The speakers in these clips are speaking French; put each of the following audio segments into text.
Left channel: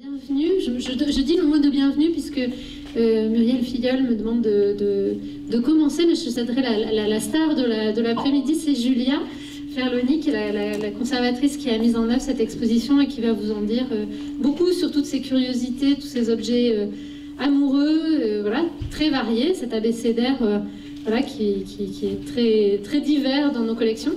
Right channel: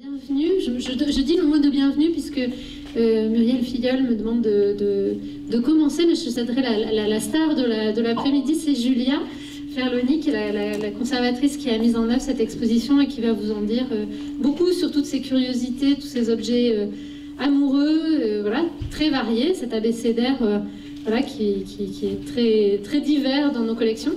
Bienvenue, je dis le mot de bienvenue puisque Muriel Filleul me demande de commencer, mais je céderai la star de l'après-midi, c'est Julia Ferloni, qui est la conservatrice qui a mis en œuvre cette exposition et qui va vous en dire beaucoup sur toutes ces curiosités, tous ces objets amoureux, voilà, très variés, cet abécédaire voilà, qui est très divers dans nos collections.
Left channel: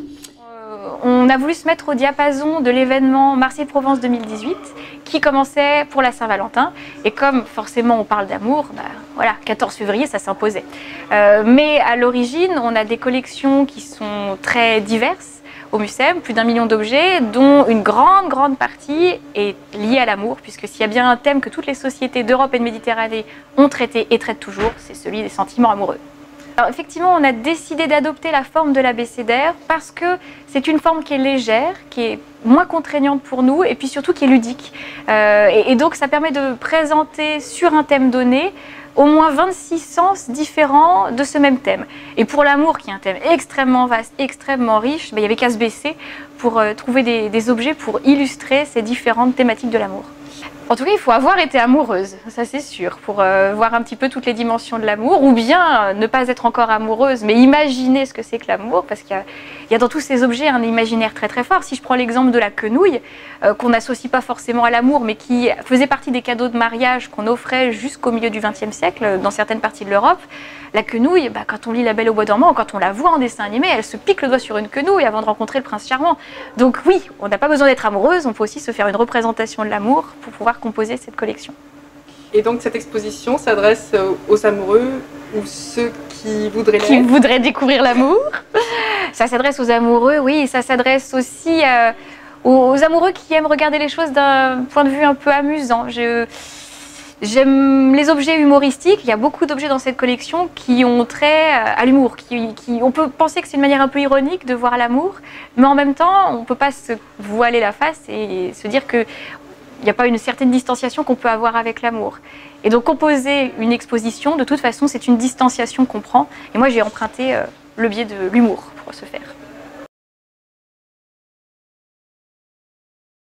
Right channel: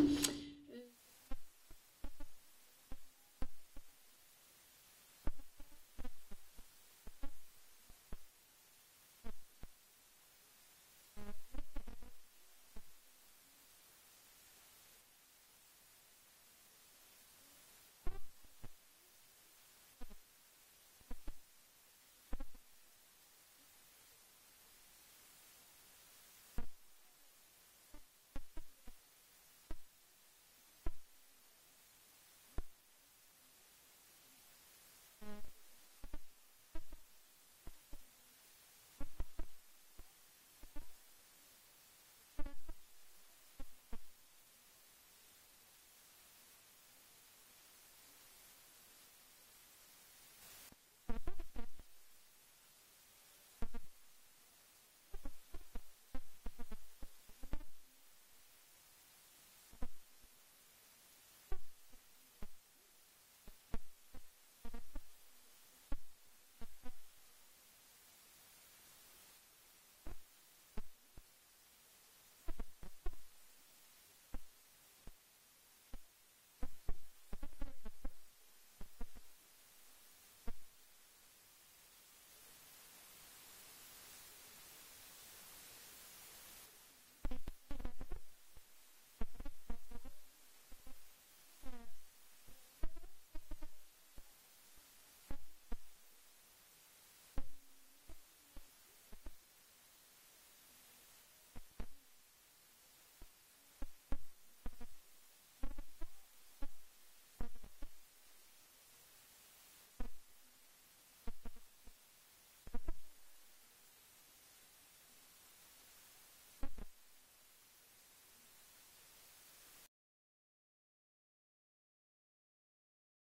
On a voulu se mettre au diapason de l'événement Marseille-Provence 2018 qui commençait pour la Saint-Valentin. Et comme forcément on parle d'amour, voilà, 14 février ça s'imposait. Mais à l'origine, on a des collections qui sont très diverses au Mucem, plus d'1 million d'objets, dont une grande partie est liée à l'amour, puisque s'il y a bien un thème que toutes les sociétés d'Europe et de Méditerranée ont traité et traitent toujours, c'est celui des sentiments amoureux. Alors effectivement, on a décidé d'adopter la forme de l'abécédaire parce que c'est une forme qui est légère, qui est moins contraignante pour nous et puis surtout qui est ludique. Et donc ça permet de présenter sur un thème donné au moins 26 sens différents de ce même thème. Et pour l'amour, qui est un thème extrêmement vaste, extrêmement riche, il n'y avait qu'à se baisser pour trouver des objets pour illustrer ces différentes thématiques de l'amour. En tout cas, il faut avoir été amoureuse, ça c'est sûr, pour voir un petit peu toutes les dimensions de l'amour, ou bien ne pas être encore amoureuse, mais imaginer ce que c'est que l'amour, parce qu'il y a dans tous ces objets un imaginaire très fort. Si je prends l'exemple de la quenouille, qu'on n'associe pas forcément à l'amour, mais qui faisait partie des cadeaux de mariage qu'on offrait jusqu'au milieu du XXe siècle dans certaines parties de l'Europe, la quenouille, quand on lit La Belle au bois dormant, quand on la voit en dessin animé, elle se pique le doigt sur une quenouille avant de rencontrer le prince charmant. Donc oui, on n'a pas besoin d'être amoureuse, on peut aussi se faire une représentation de l'amour pour pouvoir composer cette collection. Et donc cette exposition s'adresse aux amoureux ou ceux qui voudraient l'être. Qui voudraient découvrir l'amour. Ça s'adresse aux amoureux, oui, ça s'adresse aussi aux amoureux qui aiment regarder les choses d'un point de vue un peu amusant. J'aime les objets humoristiques, il y a beaucoup d'objets dans cette collection qui ont trait à l'humour. On peut penser que c'est une manière un peu ironique de voir l'amour, mais en même temps, on ne peut pas se voiler la face et se dire qu'il n'y a pas une certaine distanciation qu'on peut avoir avec l'amour. Et donc composer une exposition, de toute façon, c'est une distanciation qu'on prend. Et moi, j'ai emprunté le biais de l'humour pour ce faire.